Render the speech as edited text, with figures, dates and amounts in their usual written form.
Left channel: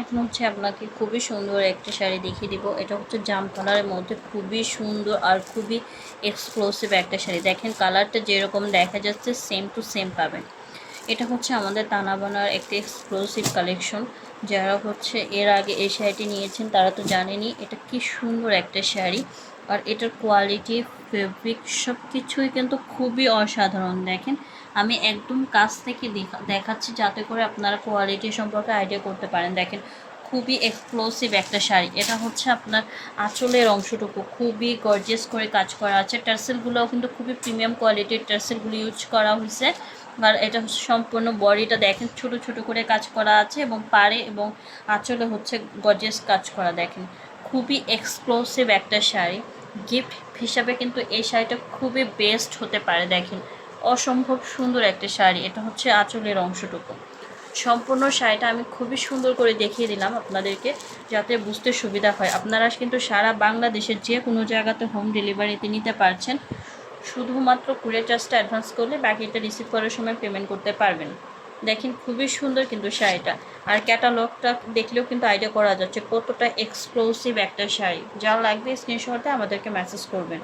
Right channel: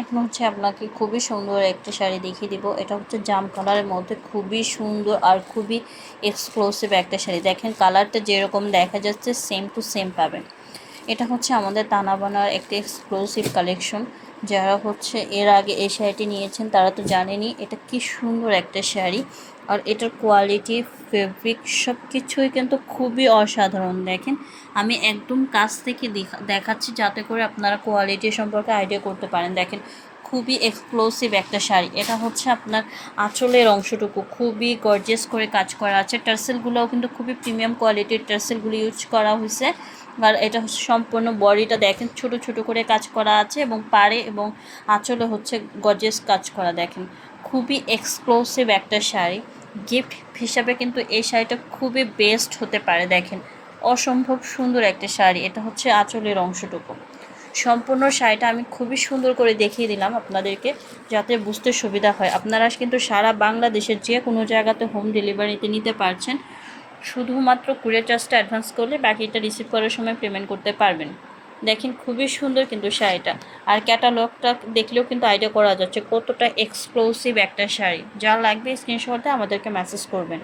এখন হচ্ছে আপনাকে খুবই সুন্দর একটা শাড়ি দেখিয়ে দিব। এটা হচ্ছে জাম কালারের মধ্যে খুবই সুন্দর আর খুবই এক্সক্লুসিভ একটা শাড়ি। দেখেন কালারটা যেরকম দেখা যাচ্ছে সেম টু সেম পাবেন। এটা হচ্ছে আমাদের তানাবানার একটা এক্সক্লুসিভ কালেকশন। যারা হচ্ছে এর আগে এই শাড়িটি নিয়েছেন তারা তো জানেনই এটা কি সুন্দর একটা শাড়ি। আর এটার কোয়ালিটি, ফেব্রিক সব কিছুই কিন্তু খুবই অসাধারণ। দেখেন আমি একদম কাছ থেকে দেখাচ্ছি যাতে করে আপনারা কোয়ালিটি সম্পর্কে আইডিয়া করতে পারেন। দেখেন খুবই এক্সক্লুসিভ একটা শাড়ি। এটা হচ্ছে আপনার আঁচলের অংশটুকু খুবই গর্জিয়াস করে কাজ করা আছে। টার্সেলগুলোও কিন্তু খুবই প্রিমিয়াম কোয়ালিটির টার্সেলগুলো ইউজ করা হয়েছে। আর এটা হচ্ছে সম্পূর্ণ বডিটা দেখেন ছোট ছোট করে কাজ করা আছে এবং পাড়ে এবং আঁচলে হচ্ছে গর্জিয়াস কাজ করা। দেখেন খুবই এক্সক্লুসিভ একটা শাড়ি। গিফট হিসাবে কিন্তু এই শাড়িটা খুবই বেস্ট হতে পারে। দেখেন অসম্ভব সুন্দর একটা শাড়ি। এটা হচ্ছে আঁচলের অংশটুকু। সম্পূর্ণ শাড়িটা আমি খুবই সুন্দর করে দেখিয়ে দিলাম আপনাদেরকে যাতে বুঝতে সুবিধা হয়। আপনারা কিন্তু সারা বাংলাদেশের যে কোনো জায়গাতে হোম ডেলিভারিতে নিতে পারছেন। শুধুমাত্র কুরিয়ার চার্জটা অ্যাডভান্স করলে বাকিটা রিসিভ করার সময় পেমেন্ট করতে পারবেন। দেখেন খুবই সুন্দর কিন্তু শাড়িটা। আর ক্যাটালগটা দেখলেও কিন্তু আইডিয়া করা যাচ্ছে কতটা এক্সক্লুসিভ একটা শাড়ি। যা লাগবে স্ক্রিনশটে আমাদেরকে মেসেজ করবেন।